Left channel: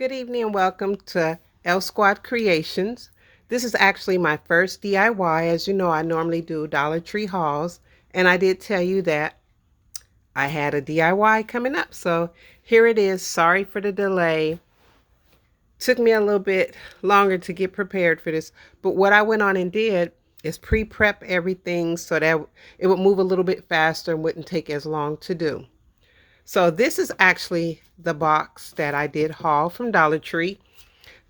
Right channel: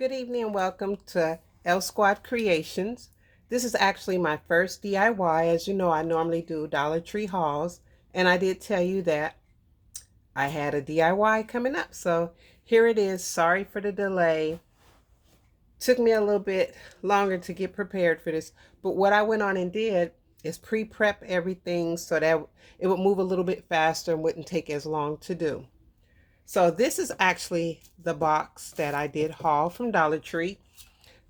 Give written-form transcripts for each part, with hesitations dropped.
Good evening and welcome to L Squad Creations. This is actually my first DIY. As you know, I normally do Dollar Tree hauls, and I did tell you that I had a DIY coming up. So here it is. Sorry for the delay. Took me a little bit longer to get prepared for this, but what I went on and did is pre-prep everything so that it would move a little bit faster and wouldn't take as long to do. So this is actually the box that I did haul from Dollar Tree.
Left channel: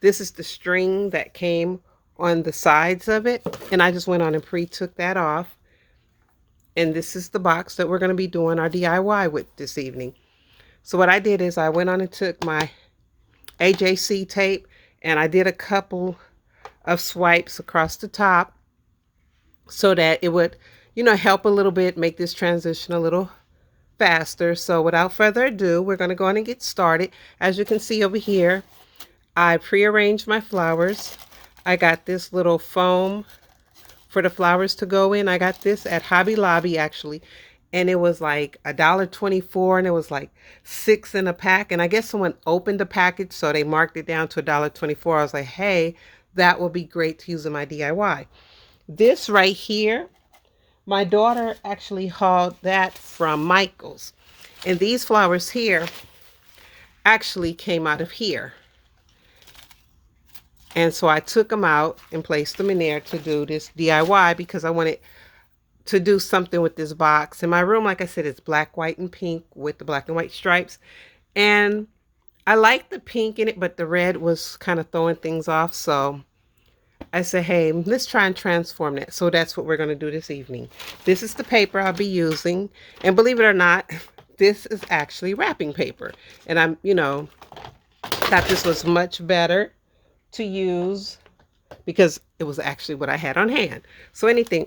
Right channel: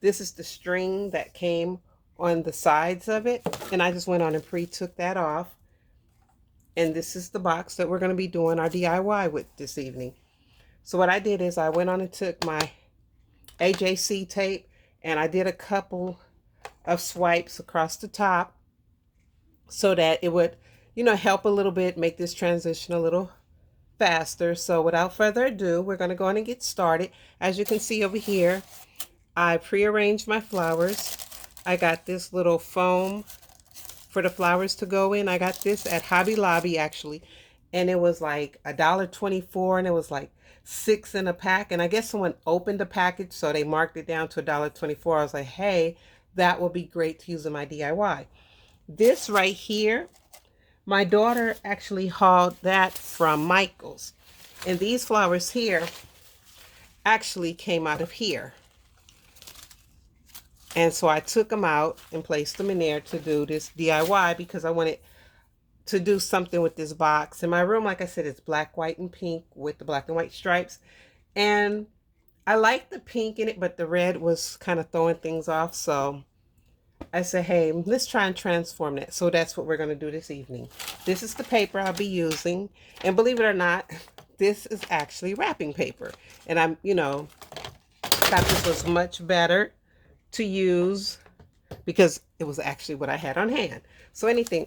This is the string that came on the sides of it, and I just went on and pre-took that off. And this is the box that we're going to be doing our DIY with this evening. So what I did is I went on and took my AJC tape and I did a couple of swipes across the top so that it would, help a little bit, make this transition a little faster. So without further ado, we're going to go on and get started. As you can see over here, I prearranged my flowers. I got this little foam for the flowers to go in. I got this at Hobby Lobby actually, and it was like $1.24, and it was like 6 in a pack. And I guess someone opened the package, so they marked it down to $1.24. I was like, hey, that will be great to use in my DIY. This right here, my daughter actually hauled that from Michael's, and these flowers here actually came out of here. And so I took them out and placed them in there to do this DIY because I wanted to do something with this box. In my room, like I said, it's black, white, and pink with the black and white stripes. And I like the pink in it, but the red was kind of throwing things off. So I said, hey, let's try and transform that. So that's what we're going to do this evening. This is the paper I'll be using. And believe it or not, this is actually wrapping paper. And I'm, thought this was much better to use because it was actually what I had on hand. So anything.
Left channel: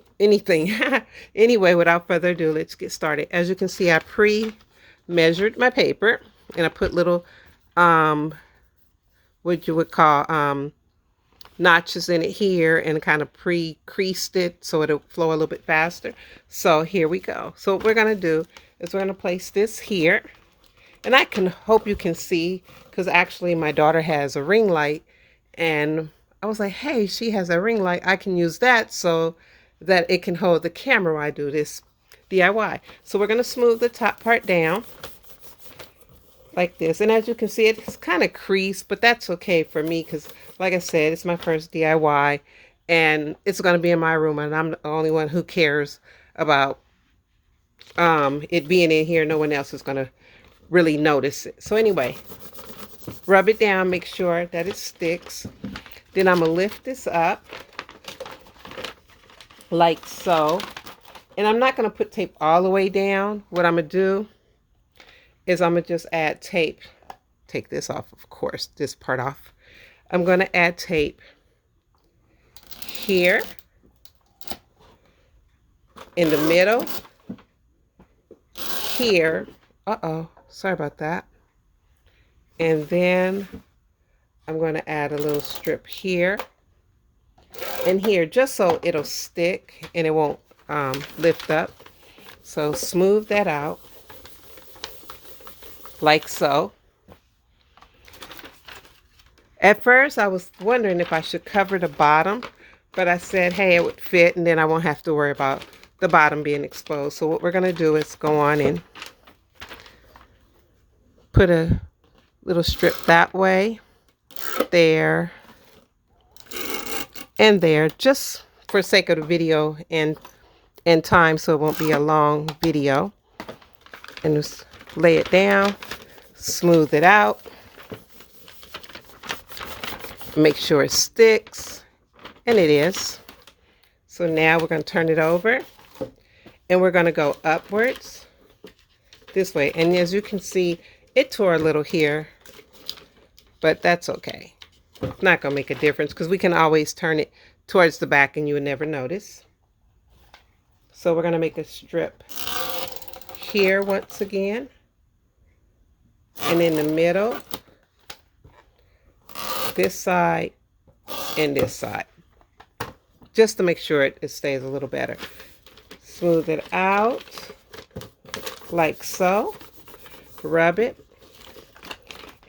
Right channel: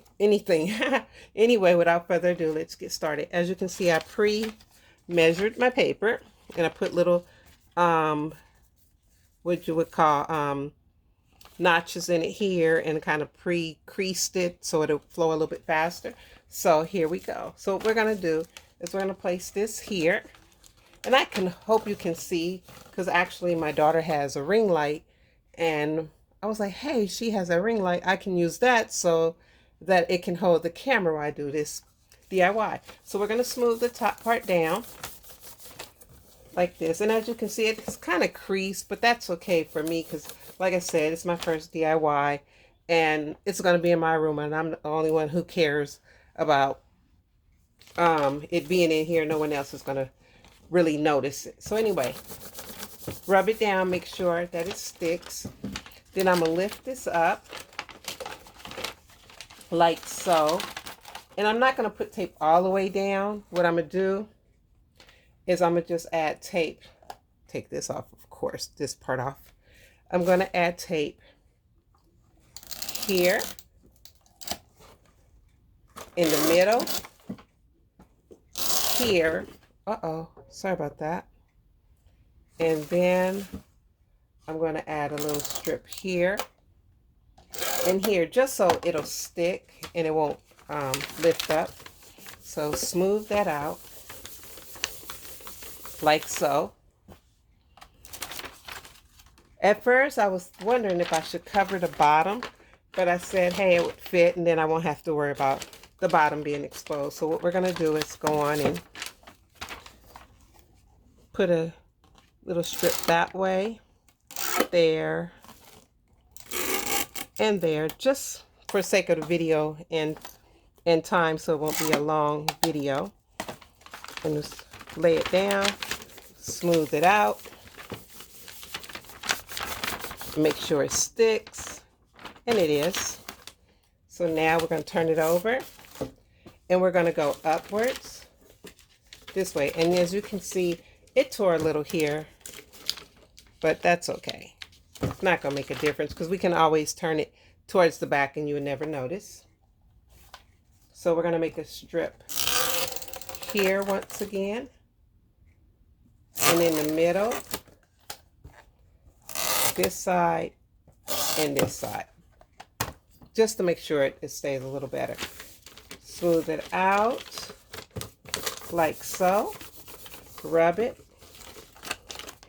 Anyway, without further ado, let's get started. As you can see, I pre-measured my paper and I put little, what you would call, notches in it here and kind of pre-creased it so it'll flow a little bit faster. So here we go. So what we're going to do is we're going to place this here, and I can hope you can see because actually my daughter has a ring light. And I was like, hey, she has a ring light. I can use that so that it can hold the camera while I do this DIY. So we're going to smooth the top part down like this. And as you can see, it's kind of creased, but that's okay for me because, like I said, it's my first DIY. And it's going to be in my room, and I'm the only one who cares about it being in here. No one else is going to really notice it. So anyway, rub it down, make sure that it sticks. Then I'm going to lift this up like so. And I'm not going to put tape all the way down. What I'm going to do is I'm going to just add tape. Take this off, of course, this part off. I'm going to add tape here in the middle, here. Sorry about that. And then I'm going to add a little strip here and here just so it'll stick and it won't lift up. So smooth that out like so. At first I was wondering if I should cover the bottom, but I said, hey, it would fit and then I won't have to worry about the bottom being exposed. So what we're going to do is go on and put a little strip that way, there, and there, just for sake of the video and time, so it won't be a long video. And just lay it down, smooth it out, make sure it sticks, and it is. So now we're going to turn it over, and we're going to go upwards this way. And as you can see, it tore a little here, but that's okay. It's not going to make a difference because we can always turn it towards the back and you would never notice. So we're going to make a strip here once again, and in the middle, this side and this side, just to make sure it stays a little better. Smooth it out like so. Rub it.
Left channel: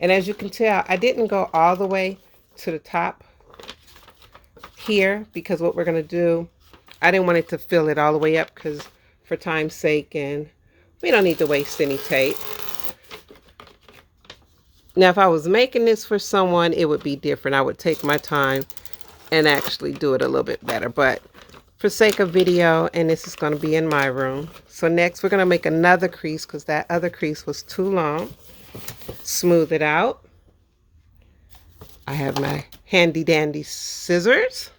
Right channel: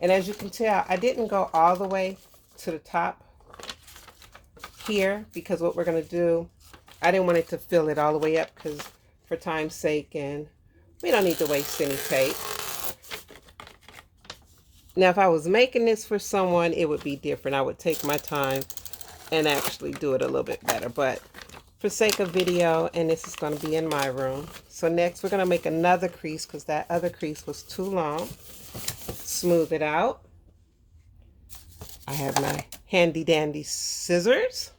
And as you can tell, I didn't go all the way to the top here because what we're going to do, I didn't want it to fill it all the way up because for time's sake, and we don't need to waste any tape. Now, if I was making this for someone, it would be different. I would take my time and actually do it a little bit better. But for sake of video, and this is going to be in my room. So next, we're going to make another crease because that other crease was too long. Smooth it out. I have my handy dandy scissors.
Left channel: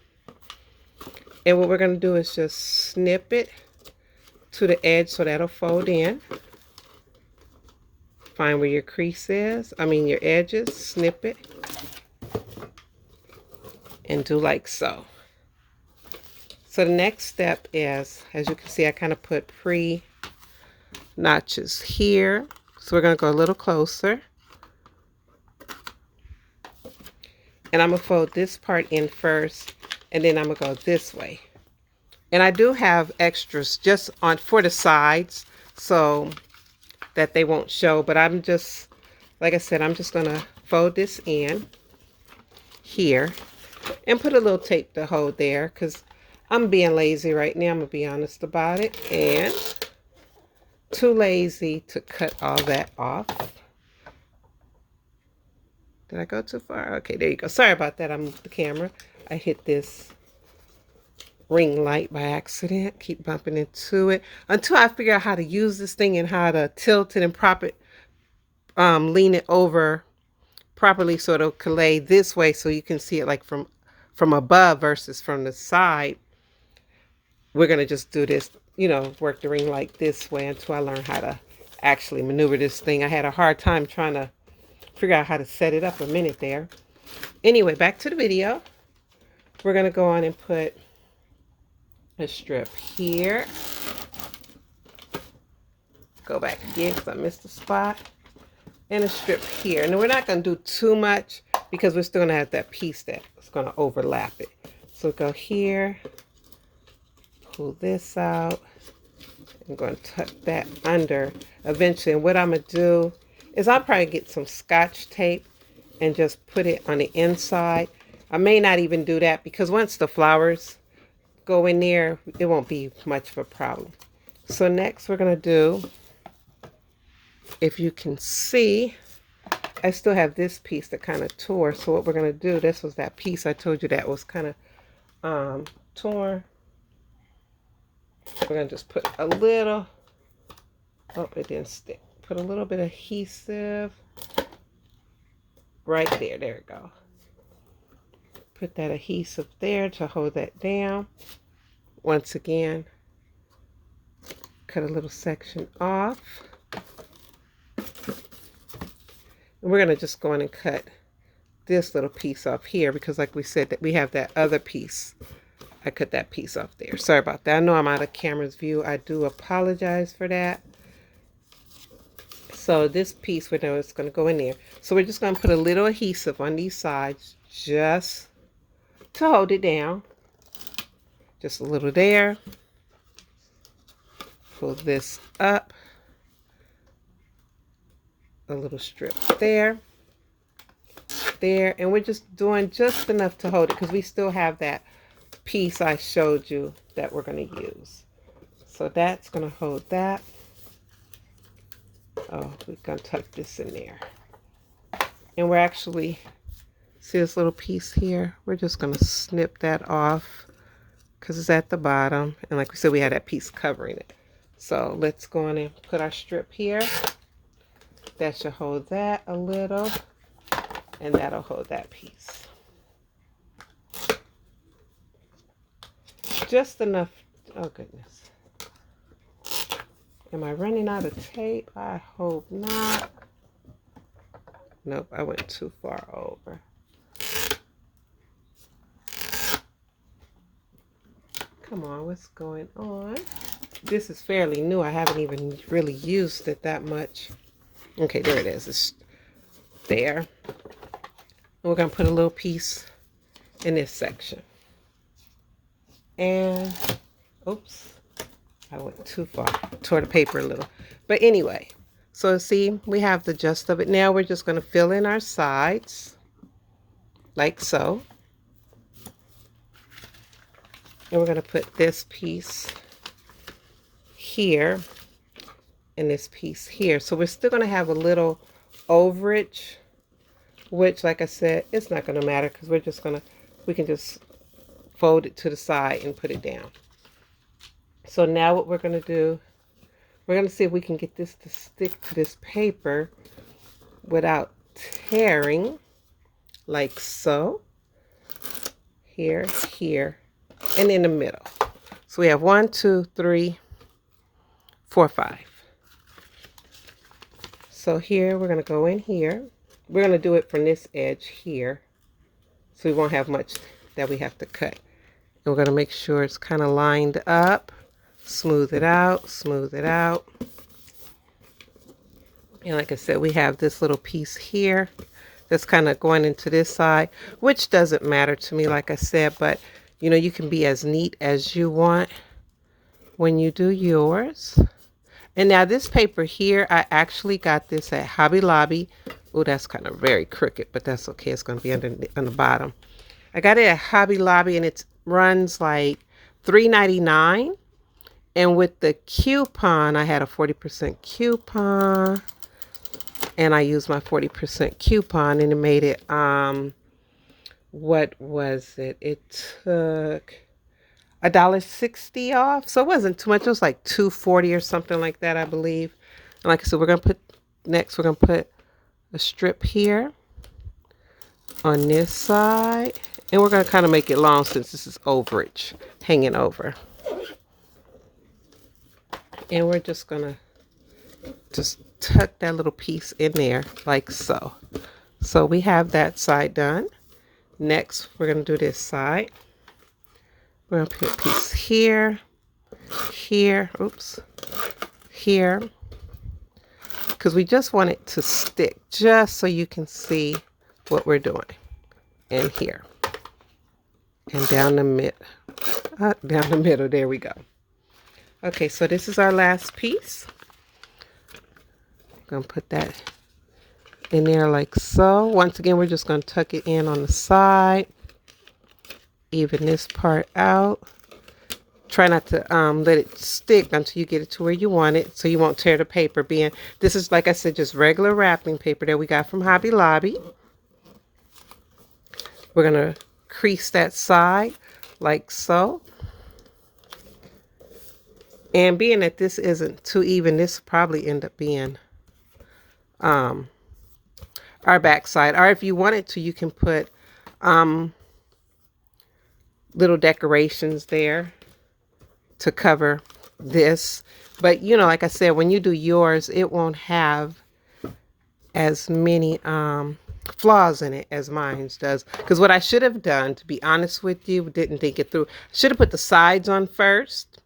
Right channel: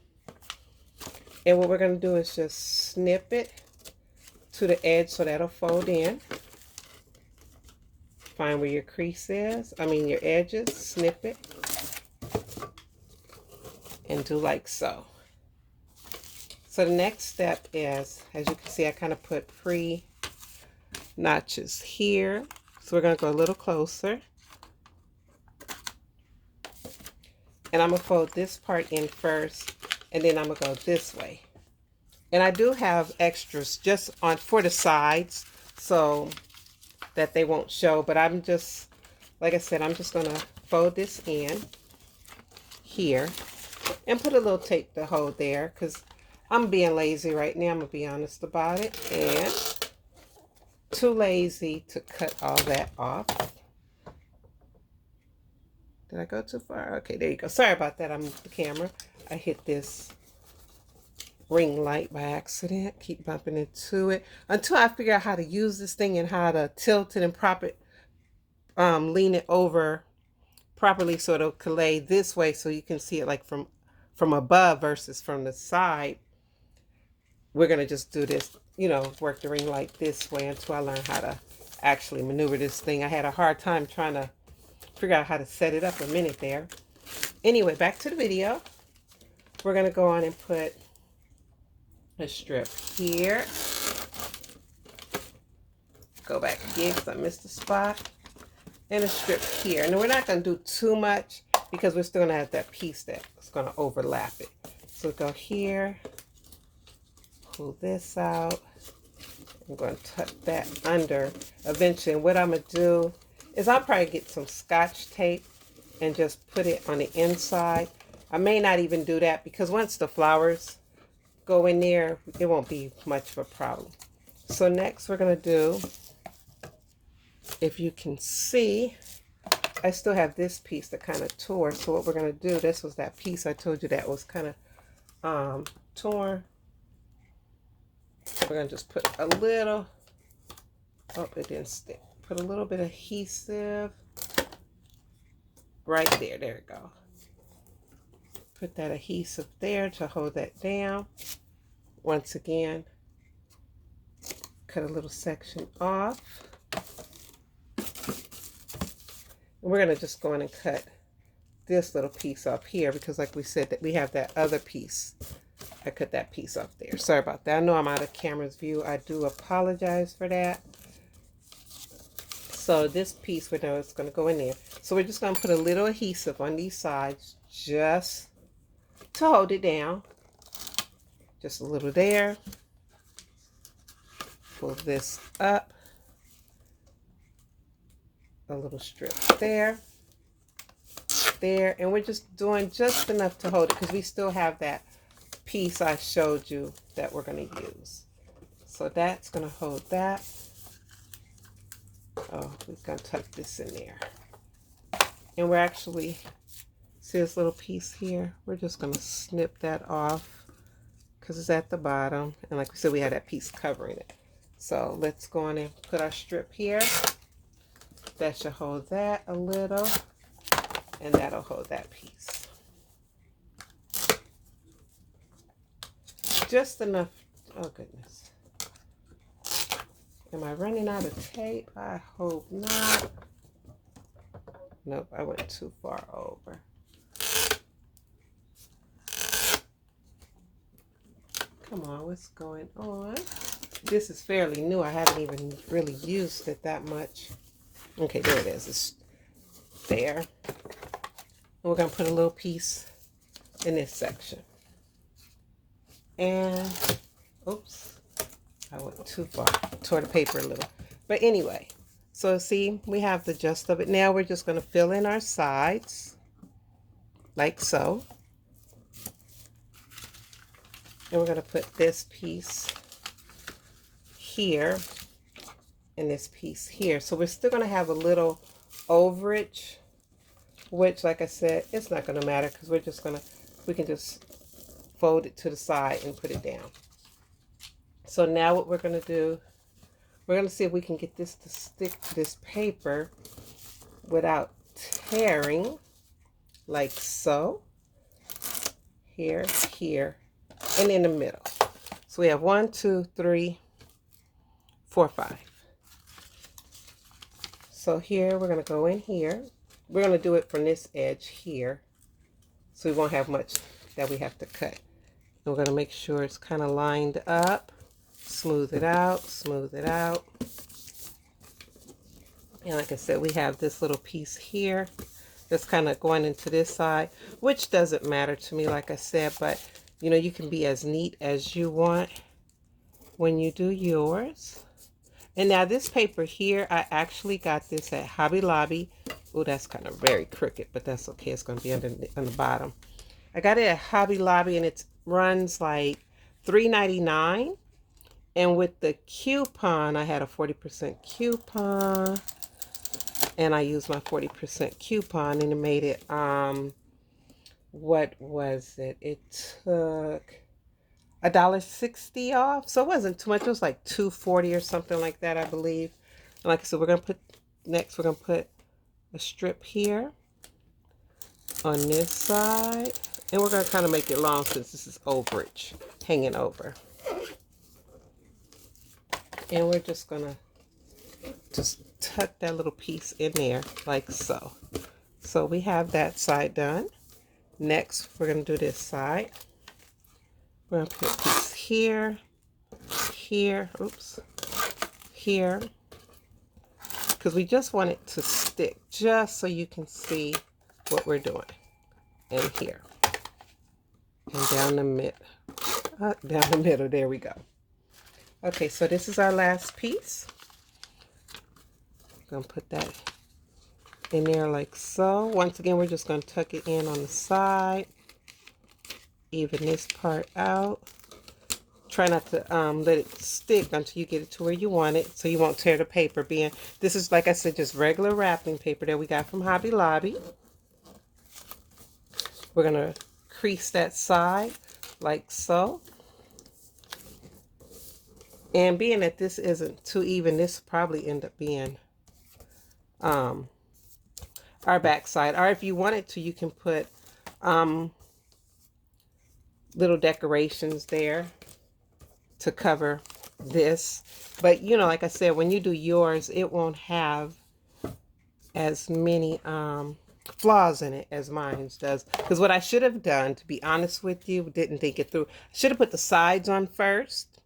And what we're going to do is just snip it to the edge so that'll fold in. Find where your crease is, your edges, snip it, and do like so. So the next step is, as you can see, I kind of put pre-notches here. So we're going to go a little closer. And I'm going to fold this part in first, and then I'm going to go this way. And I do have extras just for the sides so that they won't show, but I'm just, like I said, I'm just going to fold this in here and put a little tape to hold there because I'm being lazy right now. I'm going to be honest about it, and too lazy to cut all that off. Did I go too far? Okay, there you go. Sorry about that. I moved the camera. I hit this ring light by accident. Keep bumping into it until I figure out how to use this thing and how to tilt it and prop it, lean it over properly so it'll lay this way so you can see it like from above versus from the side. We're going to just do this, work the ring light this way until I learn how to actually maneuver this thing. I had a hard time trying to figure out how to set it up a minute there. Anyway, back to the video. We're going to go on and put a strip here. Go back again because I missed a spot. And a strip here. And we're not going to do too much because we're still going to have that piece that's going to overlap it. So go here. Pull this out. I'm going to tuck that under eventually. And what I'm going to do is I'll probably get some Scotch tape and just put it on the inside. I may not even do that because once the flowers go in there, it won't be much of a problem. So next we're going to do, if you can see, I still have this piece that kind of tore. So what we're going to do, this was that piece I told you that was kind of torn. We're going to just put a little, oh, it didn't stick. Put a little bit of adhesive right there. There we go. Put that adhesive there to hold that down. Once again, cut a little section off. And we're going to just go in and cut this little piece off here because like we said, that we have that other piece. I cut that piece off there. Sorry about that. I know I'm out of camera's view. I do apologize for that. So this piece we know is going to go in there. So we're just going to put a little adhesive on these sides just to hold it down. Just a little there. Pull this up. A little strip there. There. And we're just doing just enough to hold it because we still have that piece I showed you that we're going to use. So that's going to hold that. Oh, we're going to tuck this in there. And we're actually, see this little piece here? We're just going to snip that off because it's at the bottom. And like we said, we had that piece covering it. So let's go on and put our strip here. That should hold that a little. And that'll hold that piece. Just enough. Oh, goodness. Am I running out of tape? I hope not. Nope, I went too far over. Come on, what's going on? This is fairly new. I haven't even really used it that much. Okay, there it is. It's there. And we're going to put a little piece in this section. And, oops. I went too far. Tore the paper a little. But anyway, So see, we have the gist of it. Now we're just going to fill in our sides like so. And we're going to put this piece here and this piece here. So we're still going to have a little overage, which, like I said, it's not going to matter because we can just fold it to the side and put it down. So now what we're going to do, we're going to see if we can get this to stick to this paper without tearing, like so. Here, here, and in the middle. So we have 1, 2, 3, 4, 5. So here we're going to go in here. We're going to do it from this edge here, so we won't have much that we have to cut. And we're going to make sure it's kind of lined up. Smooth it out, smooth it out. And like I said, we have this little piece here that's kind of going into this side, which doesn't matter to me, like I said, but you know, you can be as neat as you want when you do yours. And now this paper here, I actually got this at Hobby Lobby. Oh, that's kind of very crooked, but that's okay. It's going to be on the bottom. I got it at Hobby Lobby, and it runs like $3.99. And with the coupon, I had a 40% coupon. And I used my 40% coupon, and it made it, what was it? It took $1.60 off. So it wasn't too much. It was like $2.40 or something like that, I believe. And like I said, we're going to put a strip here on this side. And we're going to kind of make it long since this is overage hanging over. And we're just going to just tuck that little piece in there like so. So we have that side done. Next, we're going to do this side. We're going to put a piece here, here, oops, here, because we just want it to stick, just so you can see what we're doing. And here, and down the middle, there we go. Okay, so this is our last piece. I'm going to put that in there like so. Once again, we're just going to tuck it in on the side. Even this part out. Try not to let it stick until you get it to where you want it, so you won't tear the paper. This is, like I said, just regular wrapping paper that we got from Hobby Lobby. We're going to crease that side like so. And being that this isn't too even, this will probably end up being our back side. Or if you wanted to, you can put little decorations there to cover this. But you know, like I said, when you do yours, it won't have as many flaws in it as mine does. Because what I should have done, to be honest with you, didn't think it through. Should have put the sides on first.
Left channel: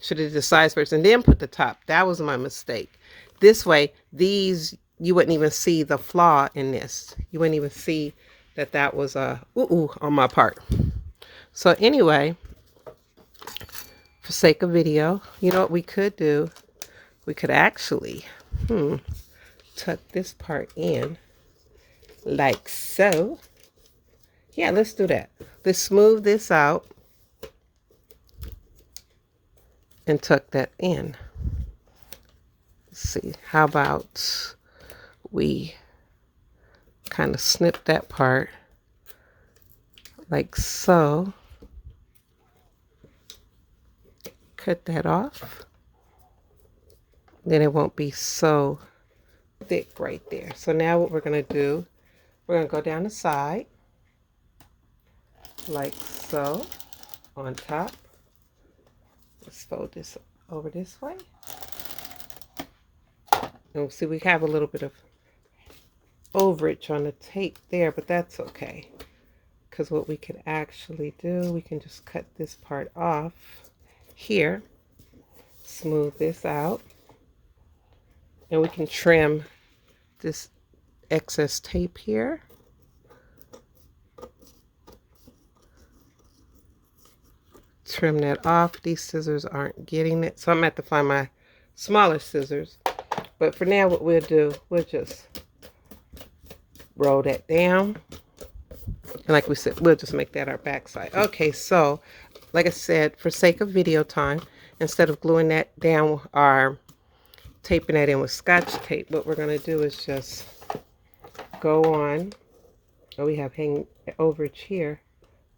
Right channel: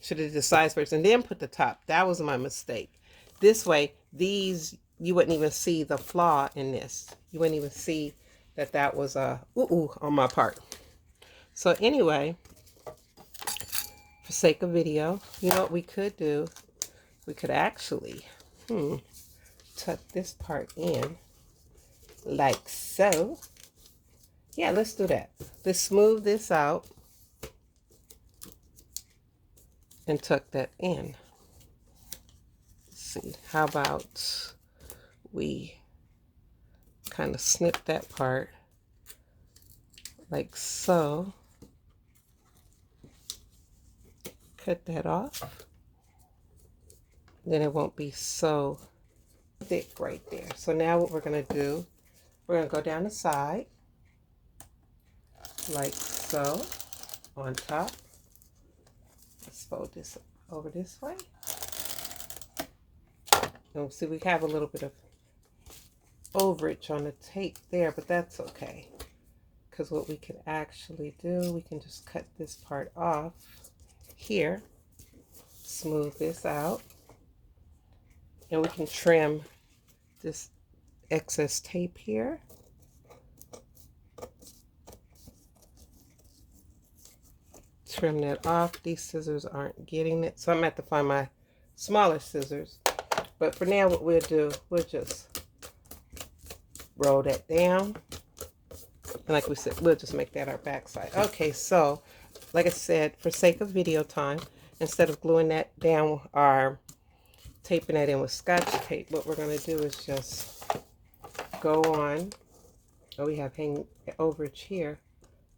Should have did the sides first and then put the top. That was my mistake. This way, these, you wouldn't even see the flaw in this. You wouldn't even see that that was a ooh on my part. So anyway, for sake of video, you know what we could do? We could actually tuck this part in like so. Yeah, let's do that. Let's smooth this out and tuck that in. Let's see, how about we kind of snip that part like so. Cut that off. Then it won't be so thick right there. So now what we're going to do, we're going to go down the side like so on top. Let's fold this over this way. And see, we have a little bit of overage on the tape there, but that's okay. Because what we can actually do, we can just cut this part off here, smooth this out, and we can trim this excess tape here. Trim that off. These scissors aren't getting it, so I'm going to have to find my smaller scissors. But for now, what we'll do, we'll just roll that down. And like we said, we'll just make that our back side. Okay, so like I said, for sake of video time, instead of gluing that down or taping that in with Scotch tape, what we're going to do is just go on. Oh, we have hang overage here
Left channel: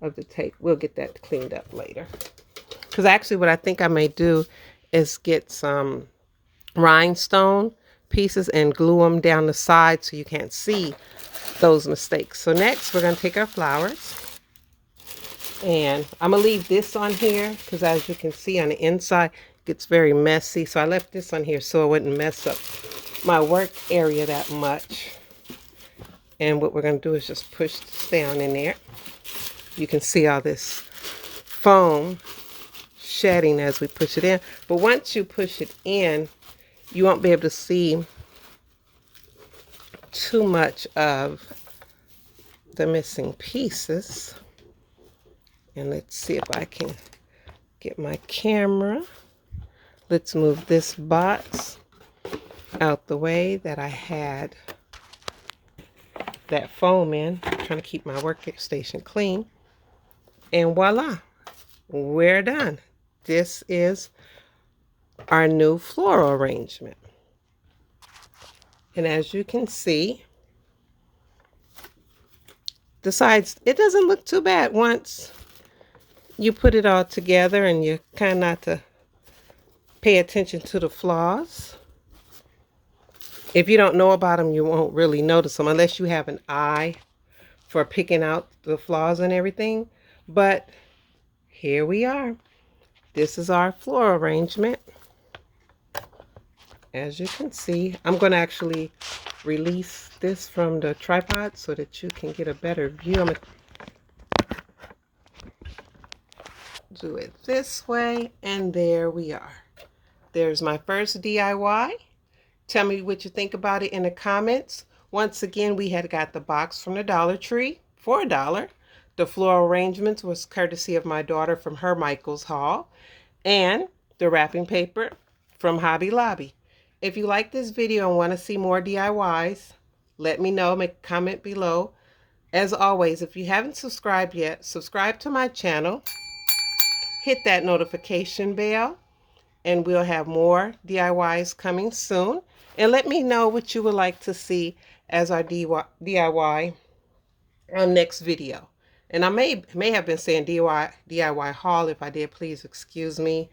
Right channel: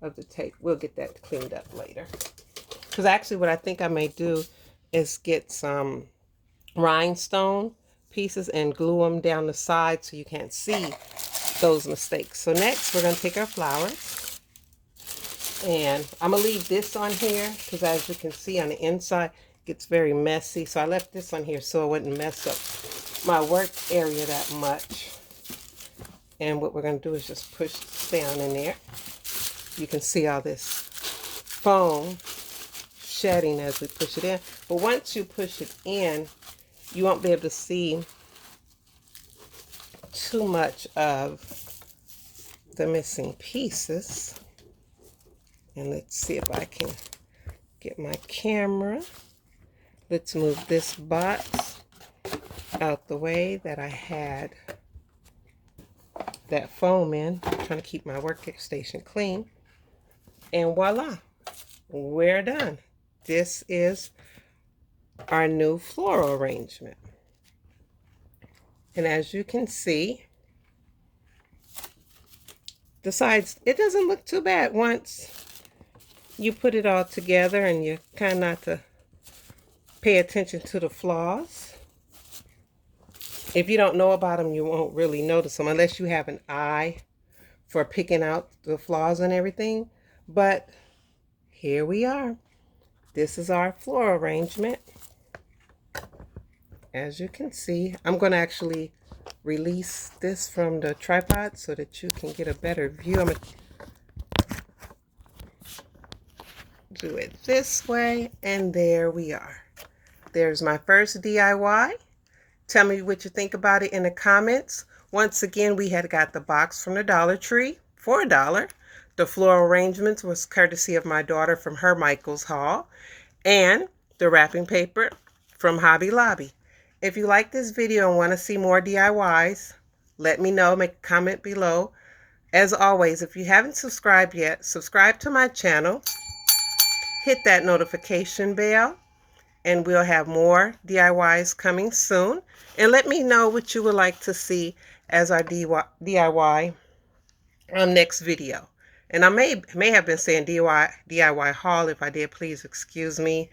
of the tape. We'll get that cleaned up later. Because actually what I think I may do is get some rhinestone pieces and glue them down the side so you can't see those mistakes. So next we're going to take our flowers, and I'm going to leave this on here because as you can see on the inside it gets very messy, so I left this on here so it wouldn't mess up my work area that much. And what we're going to do is just push this down in there. You can see all this foam shedding as we push it in, but once you push it in you won't be able to see too much of the missing pieces. And let's see if I can get my camera. Let's move this box out the way that I had that foam in. I'm trying to keep my workstation clean. And voila, we're done. This is our new floral arrangement. And as you can see, the sides, it doesn't look too bad once you put it all together and you kind of not to pay attention to the flaws. If you don't know about them, you won't really notice them unless you have an eye for picking out the flaws and everything. But here we are. This is our floral arrangement. As you can see, I'm going to actually release this from the tripod so that you can get a better view. I'm going to do it this way, and there we are. There's my first DIY. Tell me what you think about it in the comments. Once again, we had got the box from the Dollar Tree for $1. The floral arrangements was courtesy of my daughter from her Michael's haul, and the wrapping paper from Hobby Lobby. If you like this video and want to see more DIYs, let me know. Make a comment below. As always, if you haven't subscribed yet, subscribe to my channel. Hit that notification bell, and we'll have more DIYs coming soon. And let me know what you would like to see as our DIY next video. And I may have been saying DIY haul. If I did, please excuse me.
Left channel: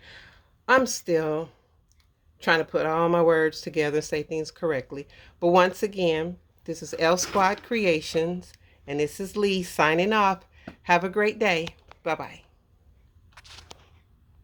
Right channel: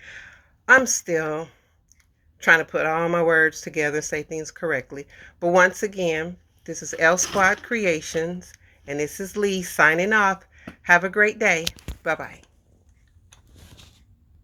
I'm still trying to put all my words together and say things correctly. But once again, this is L Squad Creations, and this is Lee signing off. Have a great day. Bye-bye.